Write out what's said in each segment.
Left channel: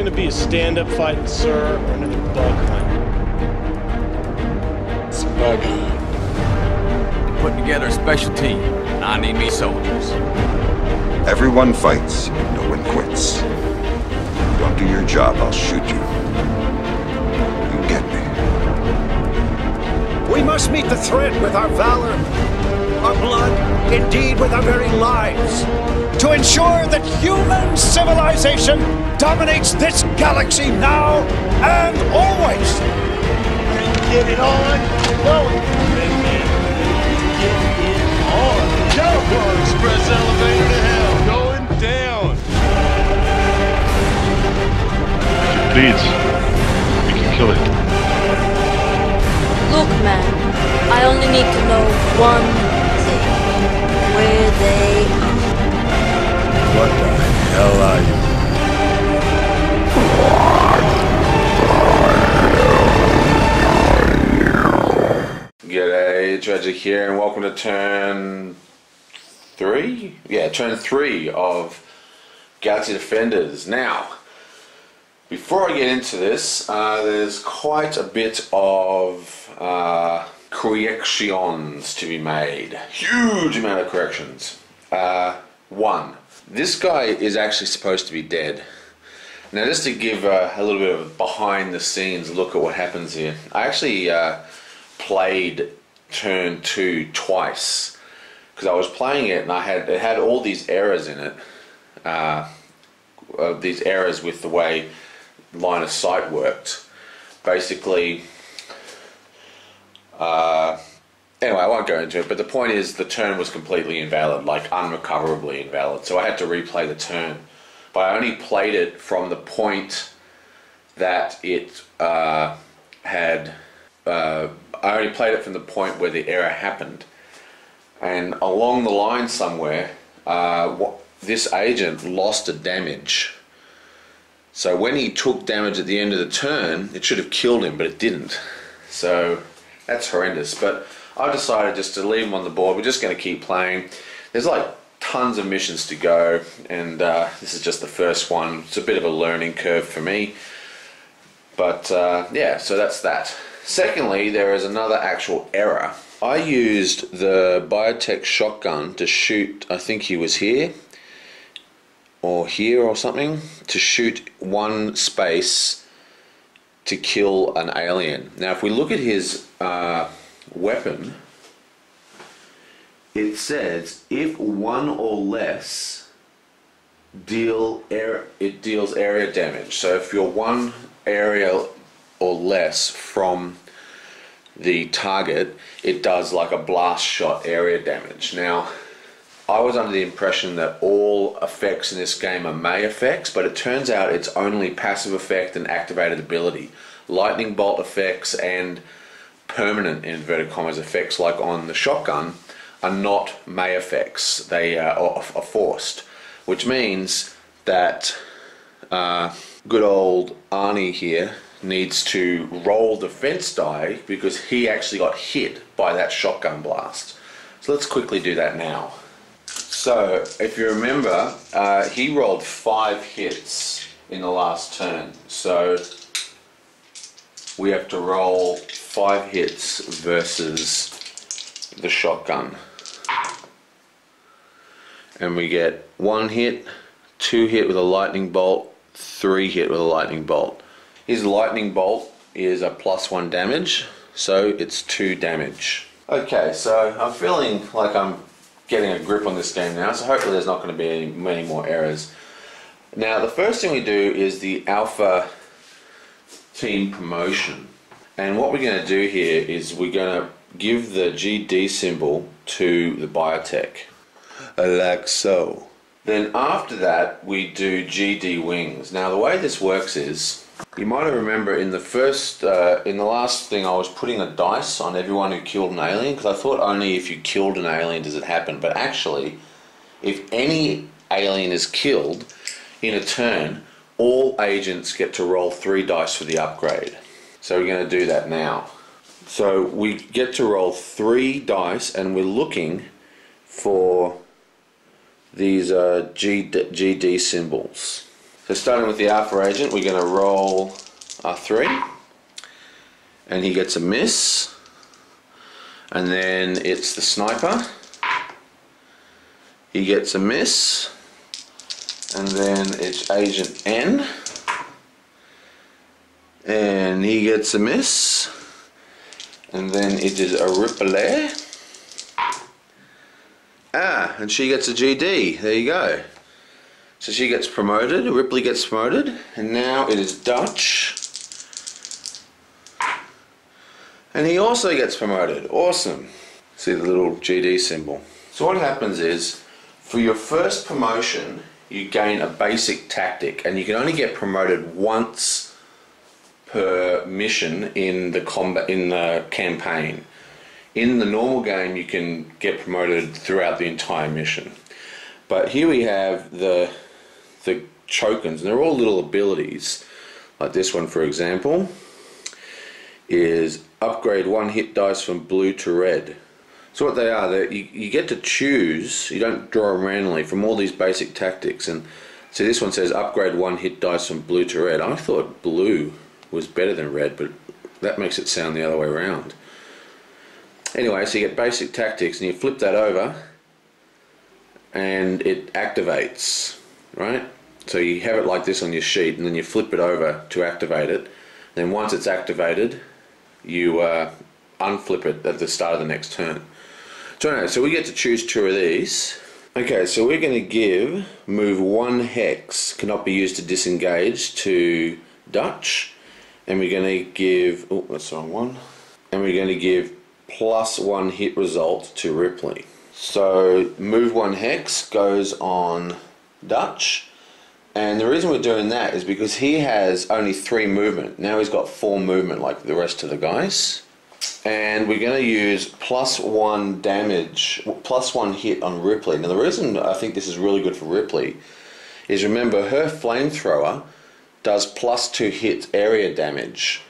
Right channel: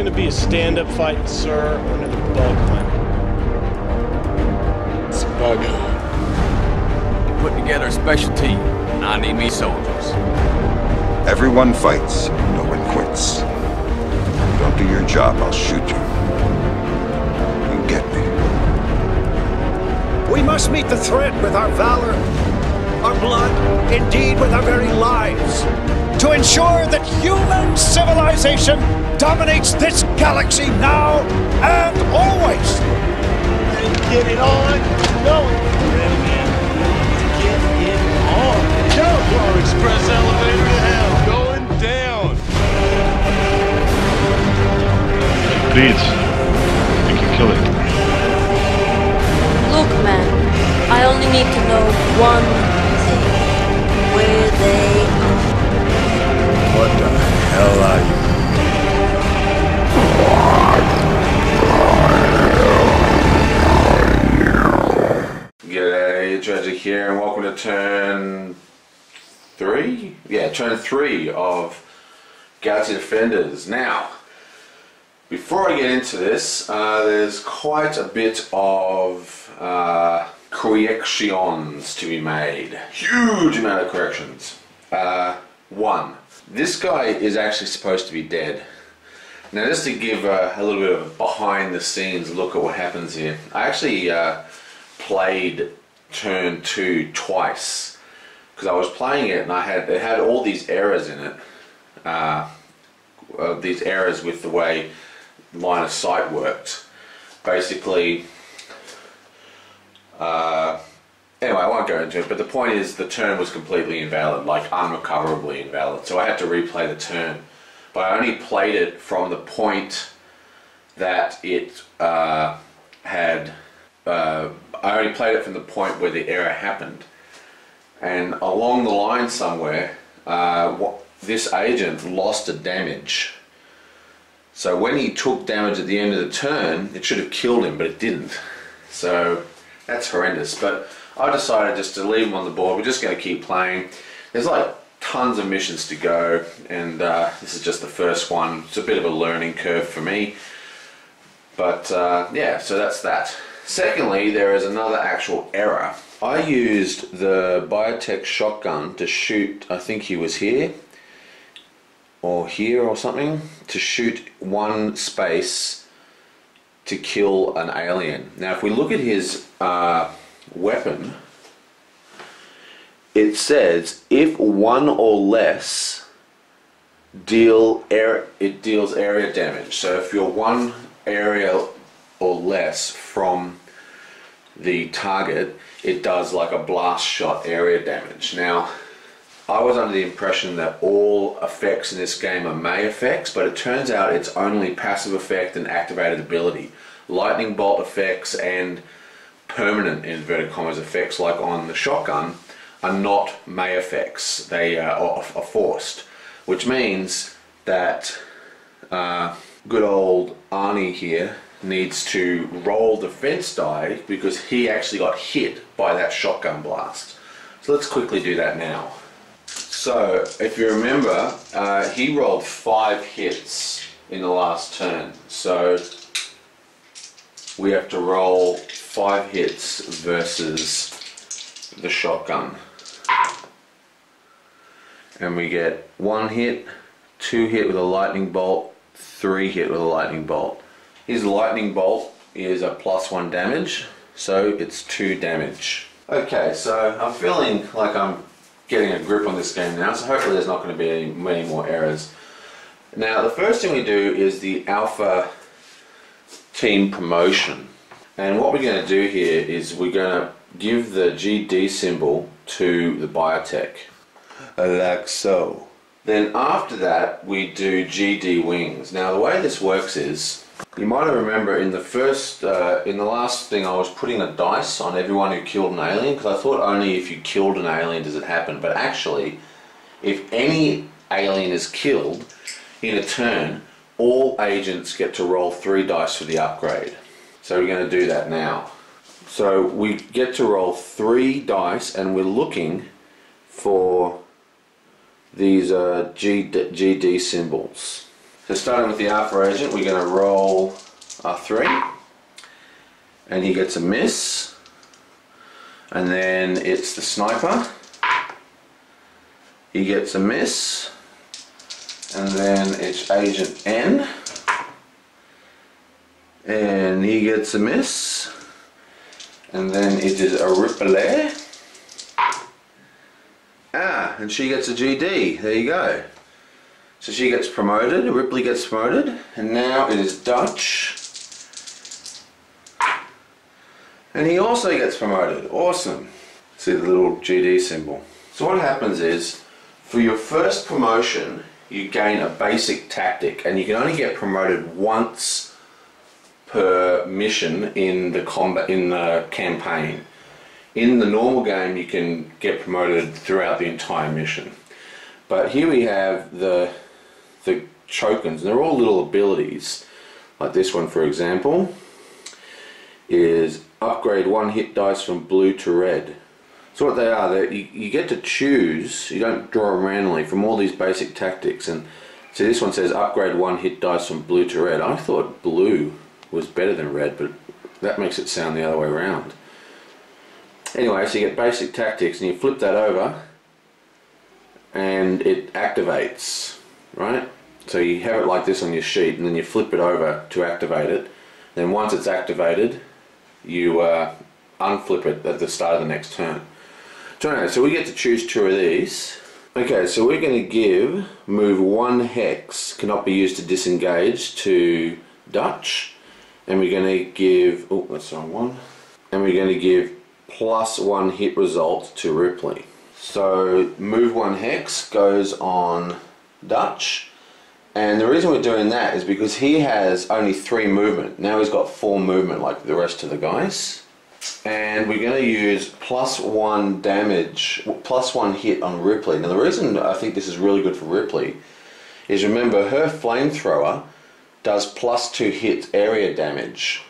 gonna be a stand-up fight, sir, or another bug hunt? It's a bug hunt. We're putting together a special team, and I need me soldiers. Everyone fights, no one quits. You don't do your job, I'll shoot you. You get me. We must meet the threat with our valor, our blood, indeed with our very lives, to ensure that human civilization dominates this galaxy now and always. Ready to get it on? Going. Ready, man. Ready to get it on. Go! Our express elevator to hell. Going down. If it bleeds, we can kill it. Look, man, I only need to know one thing. Where they are. What the hell are you? G'day, Tragic here, and welcome to turn 3? Yeah, turn 3 of Galaxy Defenders. Now, before I get into this, there's quite a bit of corrections to be made. Huge amount of corrections. One, this guy is actually supposed to be dead. Now, just to give a little bit of a behind the scenes look at what happens here, I actually played turn 2 twice because I was playing it and it had all these errors in it. These errors with the way line of sight worked. Basically, anyway, I won't go into it, but the point is the turn was completely invalid, like unrecoverably invalid. So I had to replay the turn. But I only played it from the point that it I only played it from the point where the error happened. And along the line somewhere, this agent lost a damage. So when he took damage at the end of the turn, it should have killed him, but it didn't. So that's horrendous. But I decided just to leave him on the board. We're just going to keep playing. There's like tons of missions to go, and this is just the first one. It's a bit of a learning curve for me. But yeah, so that's that. Secondly, there is another actual error. I used the biotech shotgun to shoot, I think he was here, or here or something, to shoot one space to kill an alien. Now if we look at his weapon, it says if one or less it deals area damage. So if you're one area or less from the target, it does like a blast shot area damage. Now I was under the impression that all effects in this game are May effects, but it turns out it's only passive effect and activated ability. Lightning bolt effects and permanent, in inverted commas, effects like on the shotgun are not May effects. They are forced, which means that good old Arnie here needs to roll defense die because he actually got hit by that shotgun blast. So let's quickly do that now. So if you remember, he rolled 5 hits in the last turn. So we have to roll 5 hits versus the shotgun. And we get 1 hit, 2 hit with a lightning bolt, 3 hit with a lightning bolt. His lightning bolt is a +1 damage, so it's 2 damage. Okay, so I'm feeling like I'm getting a grip on this game now, so hopefully there's not going to be many more errors. Now the first thing we do is the Alpha Team promotion. And what we're going to do here is we're going to give the GD symbol to the biotech, like so. Then after that we do GD wings. Now the way this works is, you might remember in the last thing I was putting a dice on everyone who killed an alien, because I thought only if you killed an alien does it happen, but actually if any alien is killed in a turn, all agents get to roll 3 dice for the upgrade. So we're going to do that now. So we get to roll 3 dice and we're looking for these GD symbols. So starting with the Alpha Agent, we're going to roll a 3, and he gets a miss. And then it's the Sniper. He gets a miss. And then it's Agent N. And he gets a miss. And then it is a Ripley. Ah, and she gets a GD. There you go. So she gets promoted, Ripley gets promoted, and now it is Dutch. And he also gets promoted. Awesome. See the little GD symbol. So what happens is, for your first promotion, you gain a basic tactic, and you can only get promoted once per mission in the campaign. In the normal game, you can get promoted throughout the entire mission. But here we have the tokens, and they're all little abilities. Like this one, for example, is upgrade 1 hit dice from blue to red. So what they are, you get to choose, you don't draw them randomly, from all these basic tactics. And see, this one says upgrade 1 hit dice from blue to red. I thought blue was better than red, but that makes it sound the other way around. Anyway, so you get basic tactics, and you flip that over, and it activates, right? So you have it like this on your sheet, and then you flip it over to activate it. Then once it's activated, you unflip it at the start of the next turn. So we get to choose 2 of these. Okay, so we're going to give move 1 hex, cannot be used to disengage, to Dutch. And we're going to give, oh, that's the wrong one. And we're going to give +1 hit result to Ripley. So move 1 hex goes on Dutch. And the reason we're doing that is because he has only 3 movement. Now he's got 4 movement like the rest of the guys. And we're going to use +1 damage, +1 hit on Ripley. Now the reason I think this is really good for Ripley is, remember, her flamethrower does +2 hit area damage,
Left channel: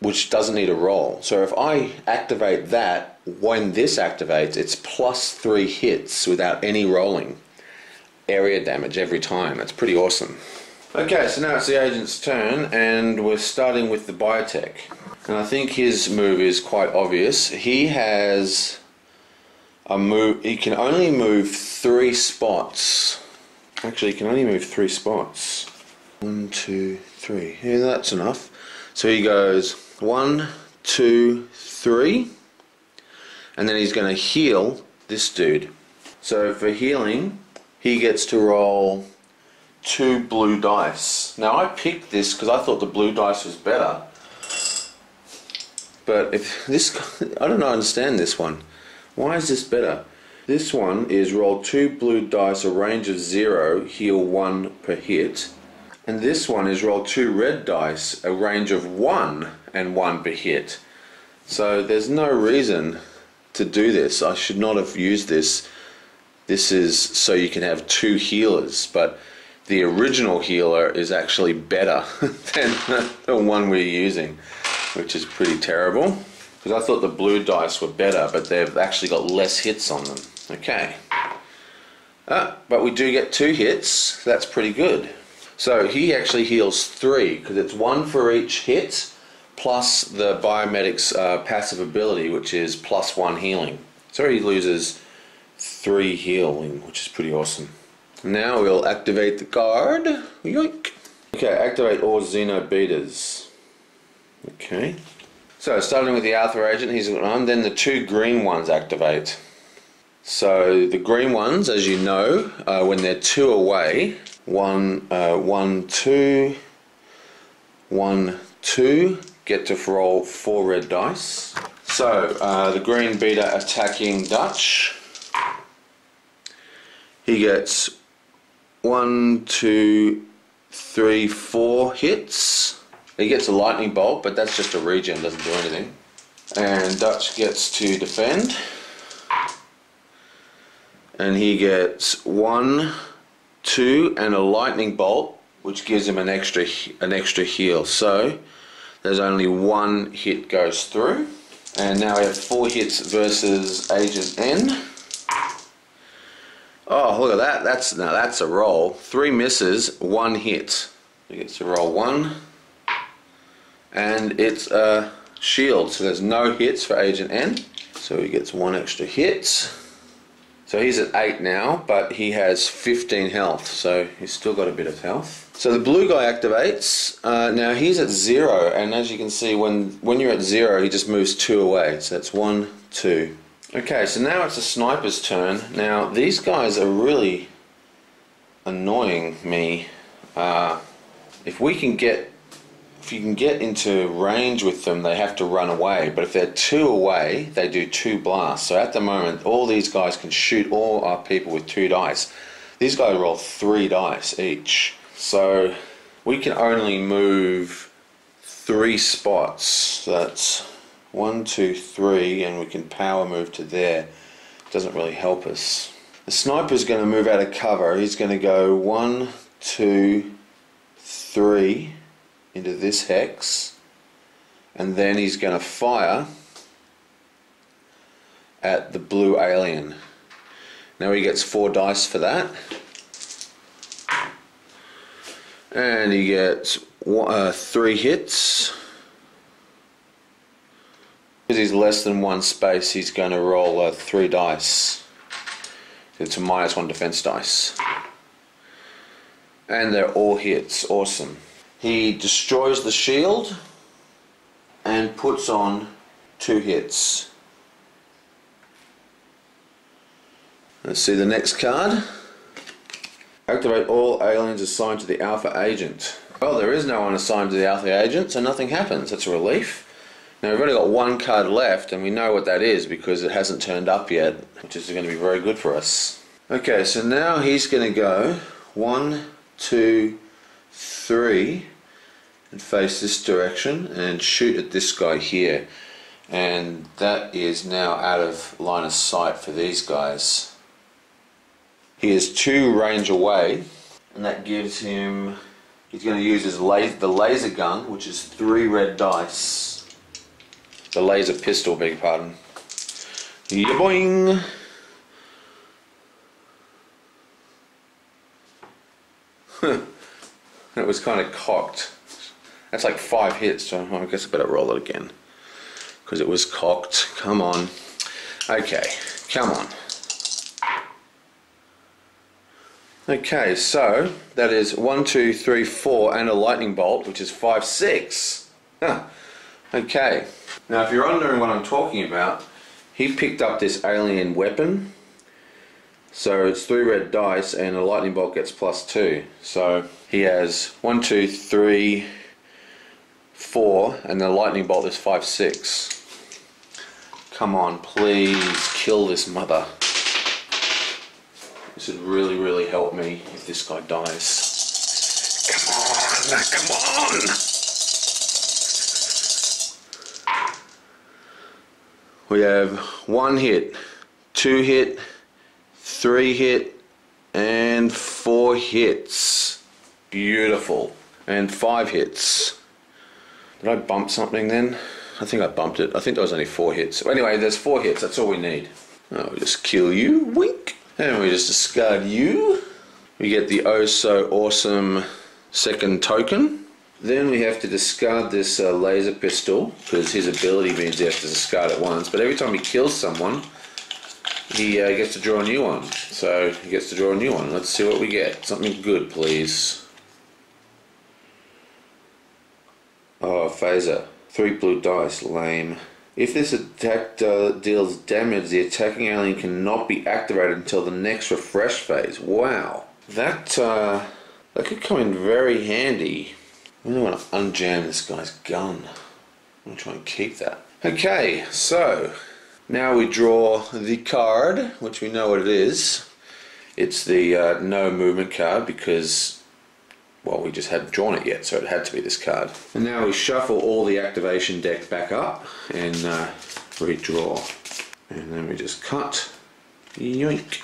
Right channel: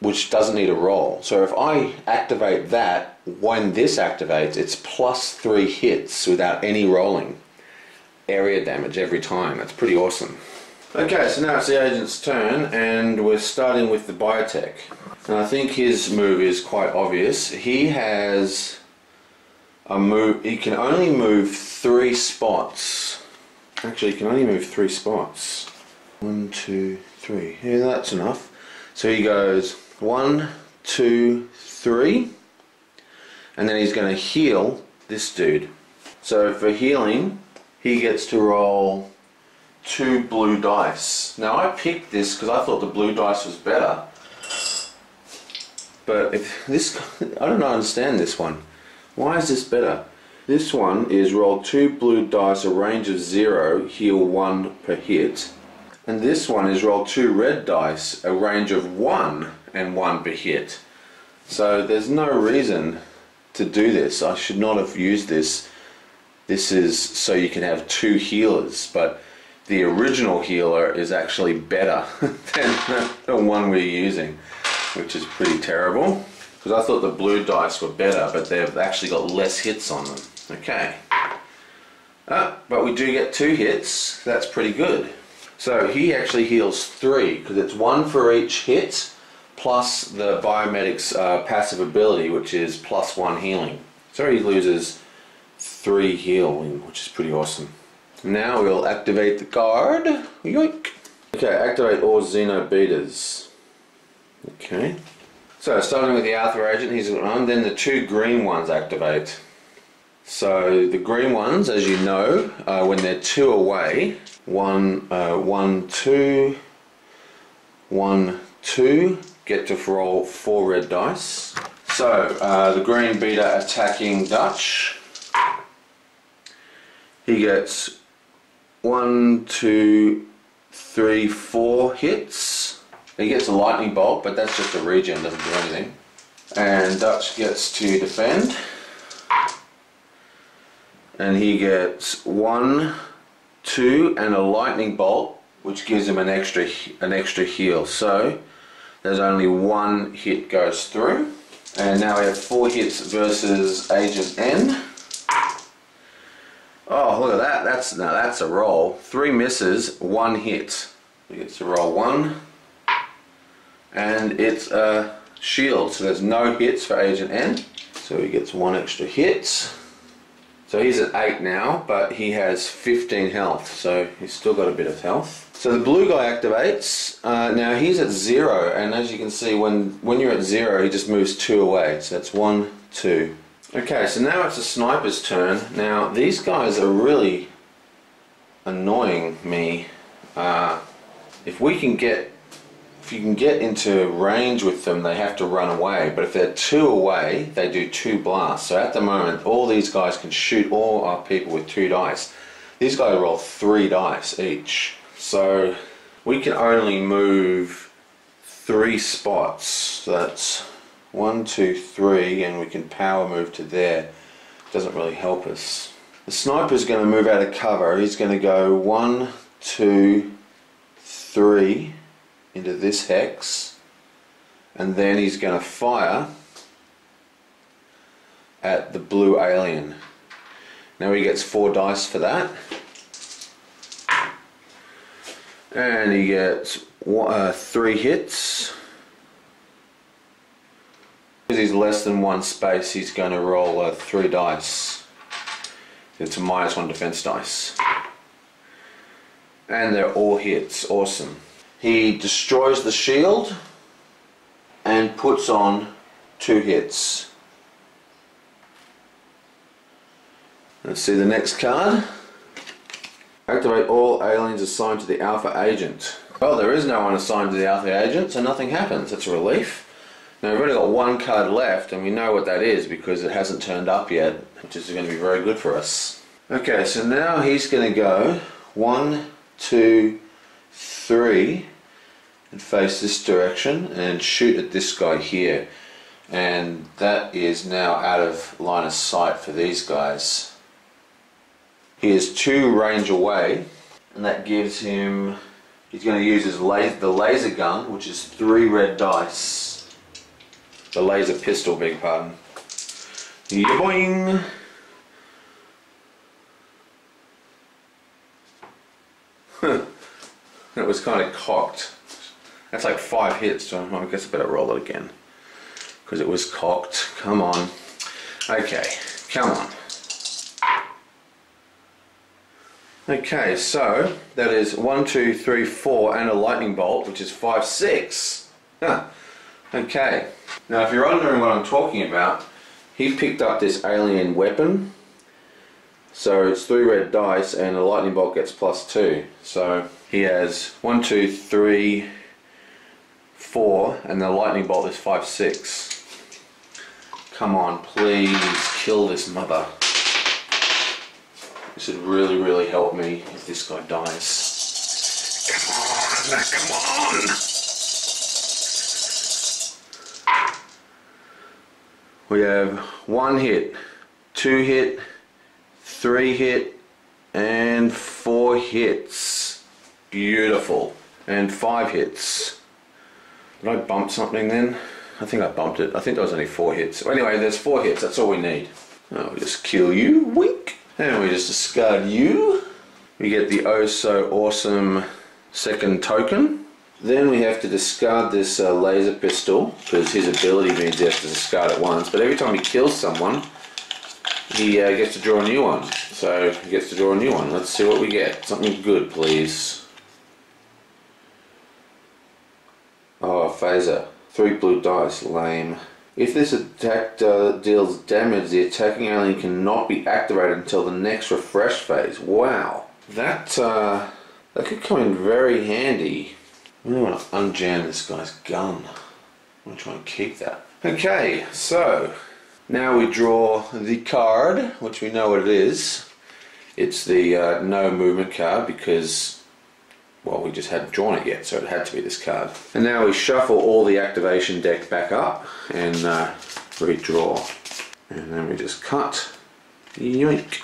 which doesn't need a roll. So if I activate that, when this activates, it's +3 hits without any rolling. Area damage every time. That's pretty awesome. Okay, so now it's the agent's turn, and we're starting with the biotech. And I think his move is quite obvious. He has a move, he can only move 3 spots. Actually, he can only move 3 spots. 1, 2, 3. Yeah, that's enough. So he goes 1, 2, 3, and then he's going to heal this dude. So for healing, he gets to roll 2 blue dice. Now I picked this because I thought the blue dice was better. But if this, I don't understand this one. Why is this better? This one is roll 2 blue dice, a range of 0, heal 1 per hit. And this one is roll 2 red dice, a range of 1 and 1 per hit. So there's no reason to do this. I should not have used this. This is so you can have 2 healers, but the original healer is actually better than the one we're using, which is pretty terrible. Because I thought the blue dice were better, but they've actually got less hits on them. Okay. But we do get 2 hits, so that's pretty good. So he actually heals 3, because it's 1 for each hit, plus the biomedic's passive ability, which is +1 healing. So he loses 3 healing, which is pretty awesome. Now we'll activate the card. Yoink! Okay, activate all Xenobetas. Okay. So starting with the Alpha Agent, he's on, then the 2 green ones activate. So the green ones, as you know, when they're 2 away, 1, 2, 1, 2, get to roll 4 red dice. So the green beta attacking Dutch. He gets 1, 2, 3, 4 hits. He gets a lightning bolt, but that's just a regen, doesn't do anything. And Dutch gets to defend. And he gets 1, 2, and a lightning bolt, which gives him an extra heal. So there's only 1 hit goes through. And now we have 4 hits versus Agent N. Oh, look at that. That's a roll. 3 misses, 1 hit. He gets to roll 1. And it's a shield, so there's no hits for Agent N. So he gets 1 extra hit. So he's at 8 now, but he has 15 health, so he's still got a bit of health. So the blue guy activates. Now he's at 0, and as you can see, when you're at 0, he just moves 2 away. So that's 1, 2. Okay, so now it's the sniper's turn. Now these guys are really annoying me. If you can get into range with them, they have to run away. But if they're 2 away, they do 2 blasts. So at the moment, all these guys can shoot all our people with 2 dice. These guys roll 3 dice each. So we can only move 3 spots. So that's 1, 2, 3, and we can power move to there. Doesn't really help us. The sniper's going to move out of cover. He's going to go 1, 2, 3 into this hex, and then he's going to fire at the blue alien. Now he gets 4 dice for that, and he gets 3 hits. Because he's less than 1 space, he's going to roll 3 dice. It's a -1 defense dice, and they're all hits. Awesome. He destroys the shield and puts on 2 hits. Let's see the next card. Activate all aliens assigned to the Alpha Agent. Well, there is no one assigned to the Alpha Agent, so nothing happens. That's a relief. Now we've only got 1 card left, and we know what that is because it hasn't turned up yet, which is going to be very good for us. Okay, so now he's going to go 1, 2, 3 and face this direction and shoot at this guy here, and that is now out of line of sight for these guys. He is 2 range away, and that gives him, he's going to use his the laser gun, which is 3 red dice. The laser pistol, beg your pardon. Yeah, boing! That was kind of cocked. That's like 5 hits, so I guess I better roll it again. Because it was cocked. Come on. Okay, come on. Okay, so that is 1, 2, 3, 4, and a lightning bolt, which is 5, 6. Huh. Okay. Now, if you're wondering what I'm talking about, he picked up this alien weapon. So it's 3 red dice, and the lightning bolt gets +2. So he has 1, 2, 3, 4, and the lightning bolt is 5, 6. Come on, please kill this mother. This would really, really help me if this guy dies. Come on! We have 1 hit, 2 hit, 3 hit, and 4 hits. Beautiful. And 5 hits. Did I bump something then? I think I bumped it. I think there was only 4 hits. So anyway, there's 4 hits. That's all we need. Oh, we just kill you. Wink. And we just discard you. We get the oh so awesome second token. Then we have to discard this laser pistol, because his ability means he has to discard it once. But every time he kills someone, he gets to draw a new one. So he gets to draw a new one. Let's see what we get. Something good, please. Oh, phaser. 3 blue dice. Lame. If this attack deals damage, the attacking alien cannot be activated until the next refresh phase. Wow. That could come in very handy. I really want to unjam this guy's gun. I'm going to try and keep that. Okay, so now we draw the card, which we know what it is. It's the no movement card because, well, we just hadn't drawn it yet, so it had to be this card. And now we shuffle all the activation deck back up and redraw. And then we just cut. Yoink.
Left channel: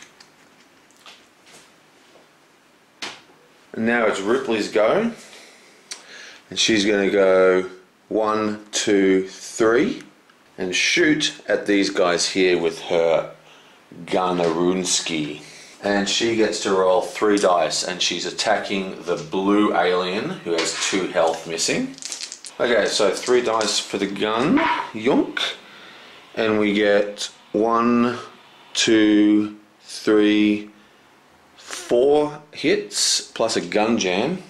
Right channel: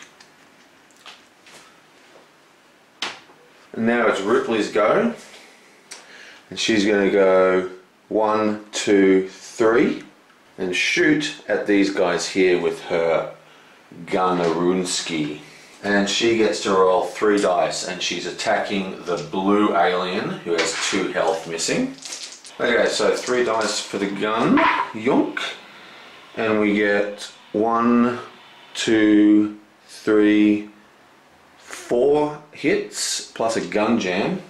And now it's Ripley's go. And she's going to go 1, 2, 3 and shoot at these guys here with her Gunarunski. And she gets to roll 3 dice, and she's attacking the blue alien who has 2 health missing. Okay, so 3 dice for the gun, yonk. And we get 1, 2, 3, 4 hits plus a gun jam.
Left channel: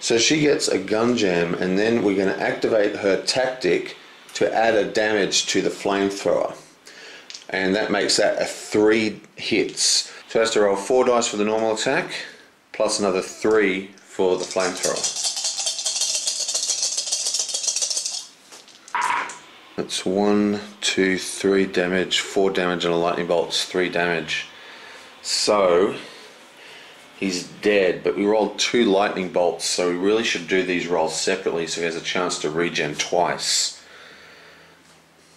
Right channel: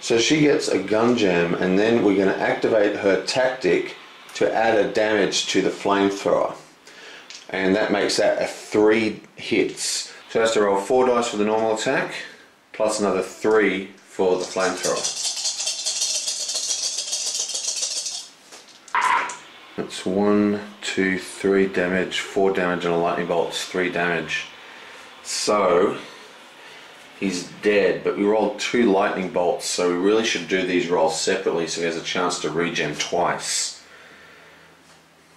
So she gets a gun jam, and then we're going to activate her tactic to add a damage to the flamethrower. And that makes that a 3 hits. So has to roll 4 dice for the normal attack, plus another 3 for the flamethrower. That's 1, 2, 3 damage, 4 damage, and a lightning bolt's 3 damage. So he's dead, but we rolled 2 lightning bolts, so we really should do these rolls separately so he has a chance to regen twice.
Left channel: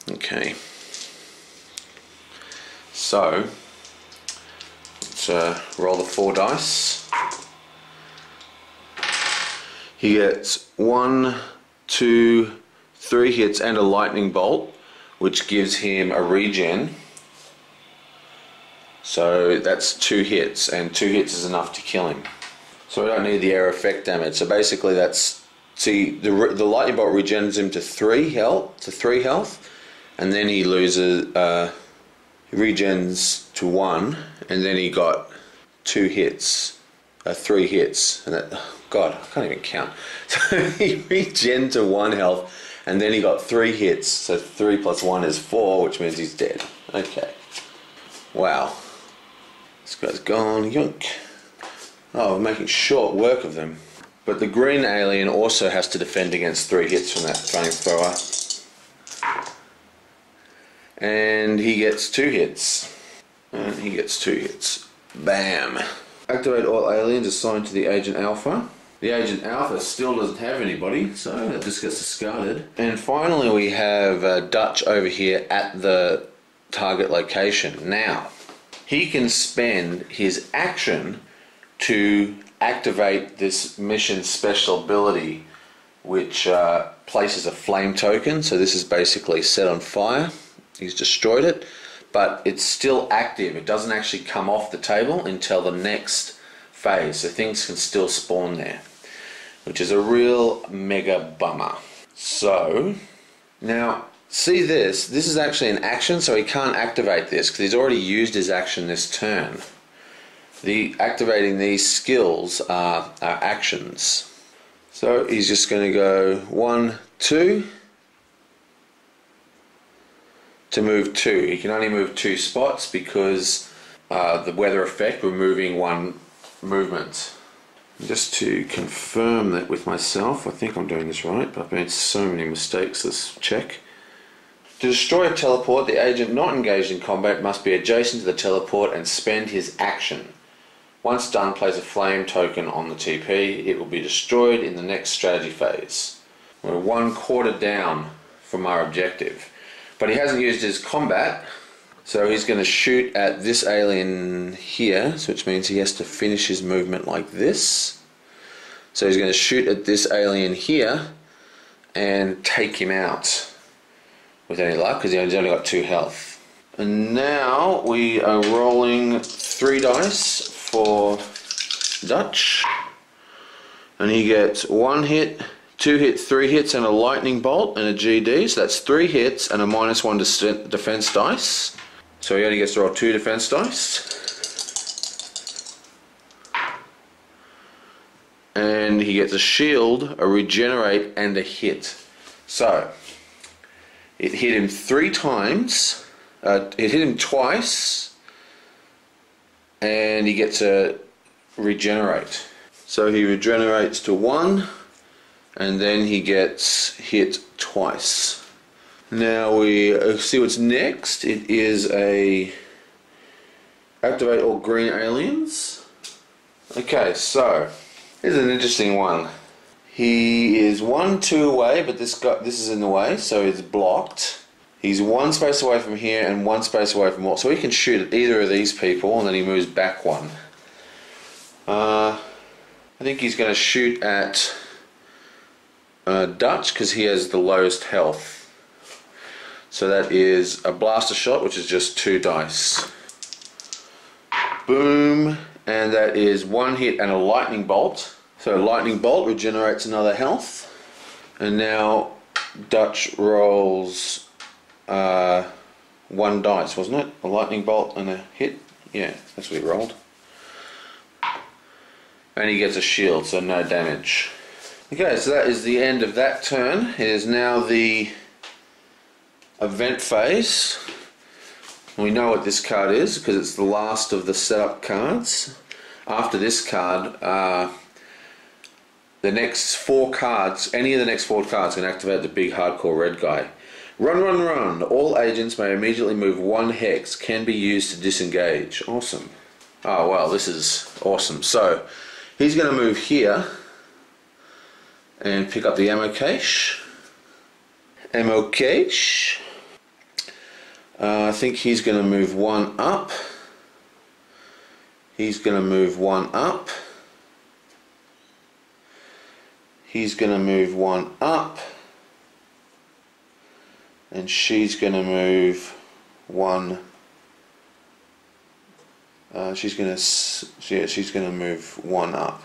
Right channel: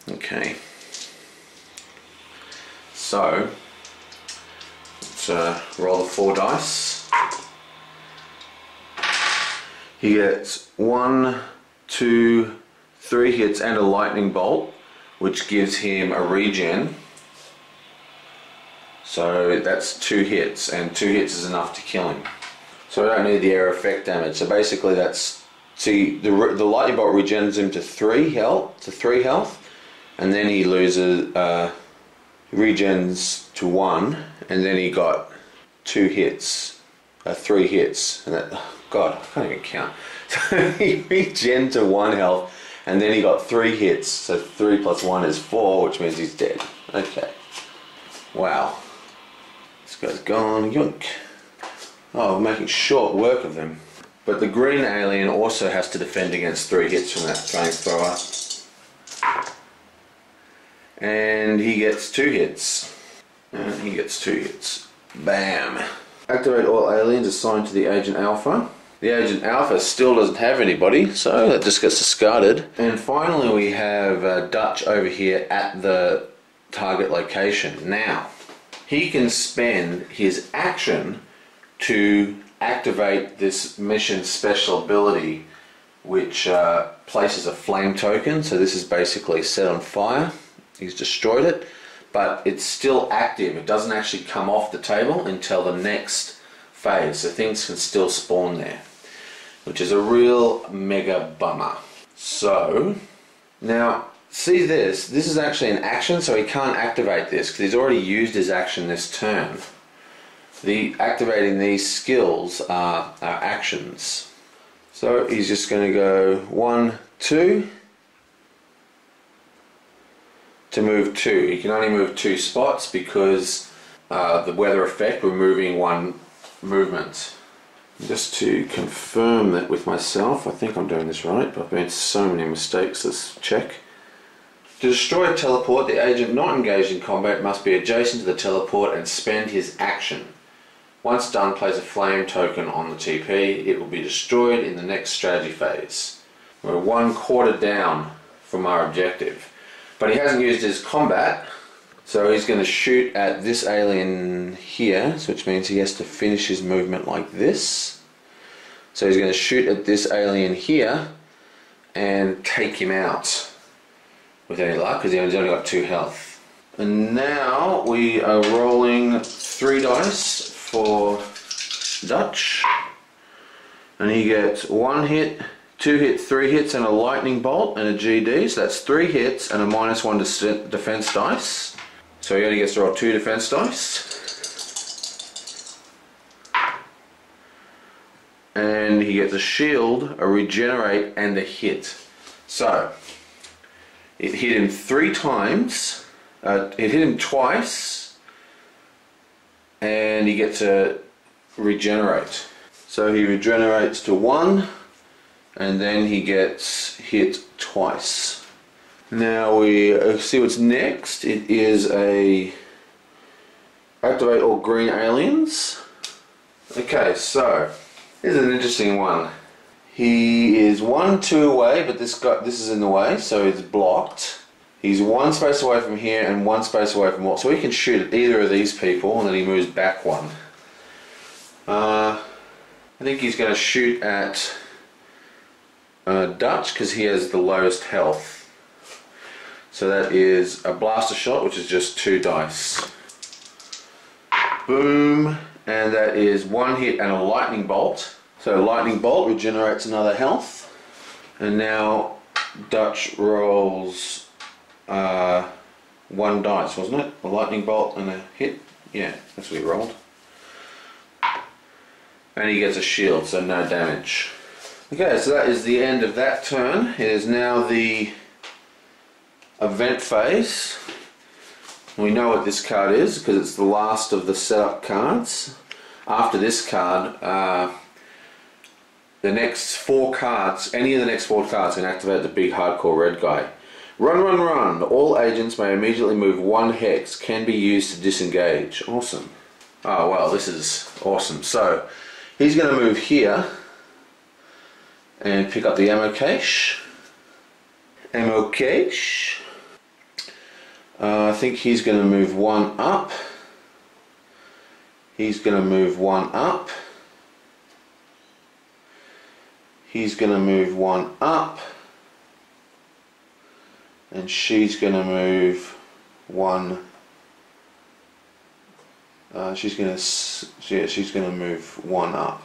Okay. So let's roll the 4 dice. He gets 1, 2, 3 hits and a lightning bolt, which gives him a regen. So that's 2 hits, and 2 hits is enough to kill him. So we don't need the air effect damage. So basically that's, see, the lightning bolt regens him to 3 health, and then he loses, regens to 1, and then he got 2 hits, 3 hits, and that, oh God, I can't even count. So he regened to 1 health, and then he got 3 hits, so 3 plus 1 is 4, which means he's dead. Okay. Wow. This guy's gone, yoink. Oh, we're making short work of them. But the green alien also has to defend against 3 hits from that flamethrower. And he gets 2 hits. And he gets 2 hits. Bam. Activate all aliens assigned to the Agent Alpha. The Agent Alpha still doesn't have anybody, so that just gets discarded. And finally we have Dutch over here at the target location. Now, he can spend his action to activate this mission special ability, which places a flame token. So this is basically set on fire. He's destroyed it, but it's still active. It doesn't actually come off the table until the next phase, so things can still spawn there, which is a real mega bummer. So now see this is actually an action, so he can't activate this because he's already used his action this turn. Activating these skills are actions. So he's just going to go 1, 2 to move 2. He can only move 2 spots because the weather effect, we're moving 1 movement. Just to confirm that with myself, I think I'm doing this right, but I've made so many mistakes. Let's check. To destroy a teleport, the agent not engaged in combat must be adjacent to the teleport and spend his action. Once done, place a flame token on the TP. It will be destroyed in the next strategy phase. We're 1/4 down from our objective. But he hasn't used his combat, so he's going to shoot at this alien here, which means he has to finish his movement like this. So he's going to shoot at this alien here and take him out with any luck, because he's only got 2 health. And now we are rolling 3 dice for Dutch, and he gets 1 hit, 2 hits, 3 hits, and a lightning bolt and a GD. So that's 3 hits and a -1 defense dice. So he only gets to roll 2 defense dice. And he gets a shield, a regenerate, and a hit. So it hit him 3 times. It hit him twice, and he gets a regenerate. So he regenerates to 1. And then he gets hit twice. Now we see what's next. It is a activate all green aliens. Okay, so here's an interesting one. He is 1, 2 away, but this is in the way, so it's blocked. He's 1 space away from here and 1 space away from what, so he can shoot at either of these people, and then he moves back 1. I think he's going to shoot at Dutch because he has the lowest health. So that is a blaster shot, which is just 2 dice. Boom. And that is one hit and a lightning bolt. So lightning bolt regenerates another health. And now Dutch rolls 1 dice, wasn't it? A lightning bolt and a hit. Yeah, that's what he rolled. And he gets a shield, so no damage. Okay, so that is the end of that turn. It is now the event phase. We know what this card is because it's the last of the setup cards. After this card, the next 4 cards, any of the next 4 cards can activate the big hardcore red guy. Run, run, run. All agents may immediately move 1 hex. Can be used to disengage. Awesome. Oh, well, this is awesome. So, he's going to move here and pick up the ammo cache. Ammo cache. I think he's going to move 1 up. He's going to move 1 up. He's going to move 1 up. And she's going to move 1. She's going to move 1 up.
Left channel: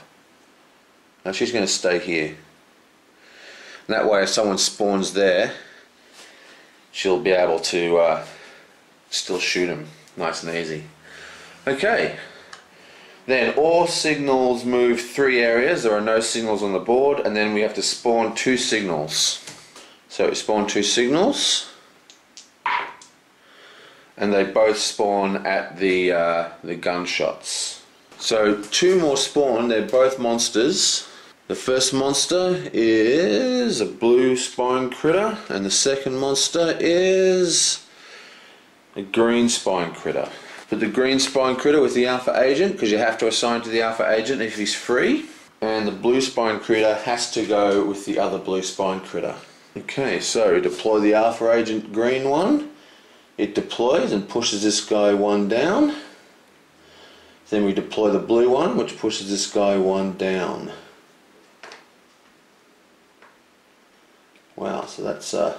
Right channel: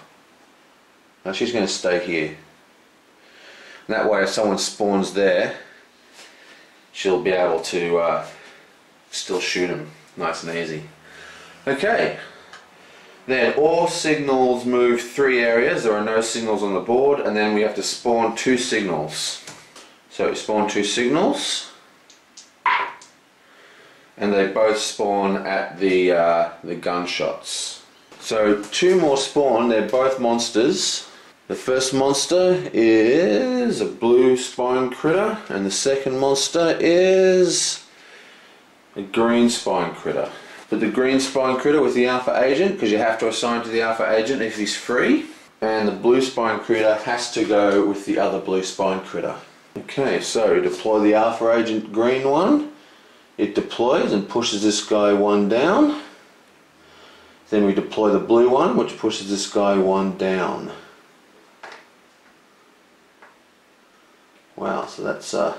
Now she's going to stay here. And that way, if someone spawns there, she'll be able to still shoot him nice and easy. Okay. Then all signals move 3 areas. There are no signals on the board, and then we have to spawn 2 signals. So we spawn 2 signals, and they both spawn at the gunshots. So 2 more spawn. They're both monsters. The first monster is a blue spine critter, and the second monster is a green spine critter. Put the green spine critter with the alpha agent, because you have to assign to the alpha agent if he's free, and the blue spine critter has to go with the other blue spine critter. Okay, so deploy the alpha agent green one. It deploys and pushes this guy 1 down. Then we deploy the blue one, which pushes this guy 1 down. Wow, so that's a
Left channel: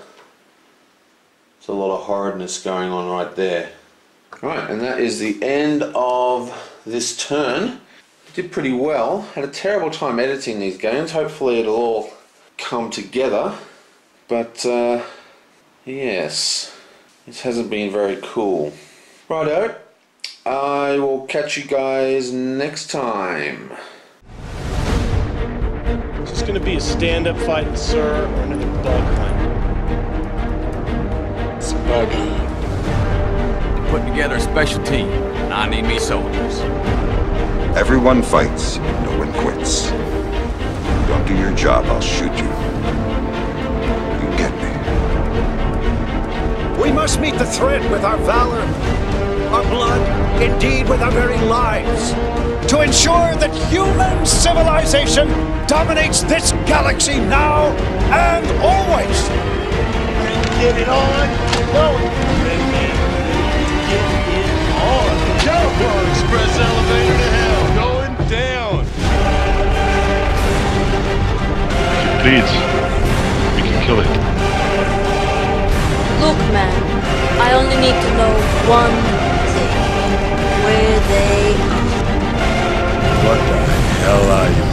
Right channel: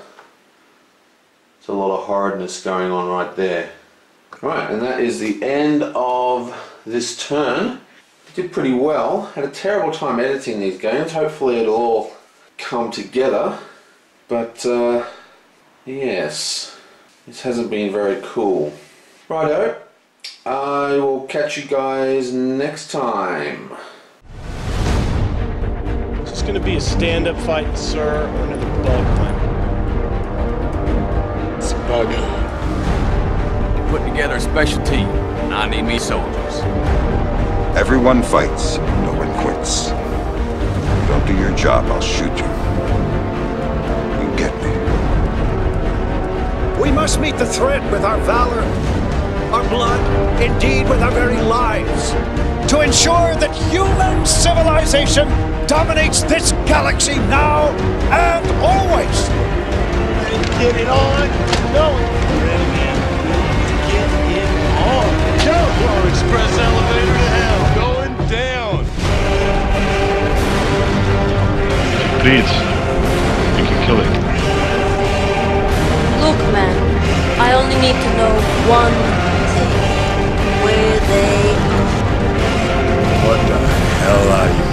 lot of horridness going on right there. Right, and that is the end of this turn. Did pretty well. Had a terrible time editing these games. Hopefully it'll all come together. But yes, this hasn't been very cool. Righto, I will catch you guys next time. Is this gonna be a stand-up fight, sir, or another bug hunt? It's a bug hunt. Putting together a special team, and I need me soldiers. Everyone fights, no one quits. You don't do your job, I'll shoot you. You get me. We must meet the threat with our valor, our blood, indeed with our very lives, to ensure that human civilization dominates this galaxy now and always. Ready to get it on? Going. Ready, man. Ready to get it on. Go! Come on, express elevator to hell. Going down. If it bleeds, we can kill it. Look, man, I only need to know one thing. Where they are. What the hell are you?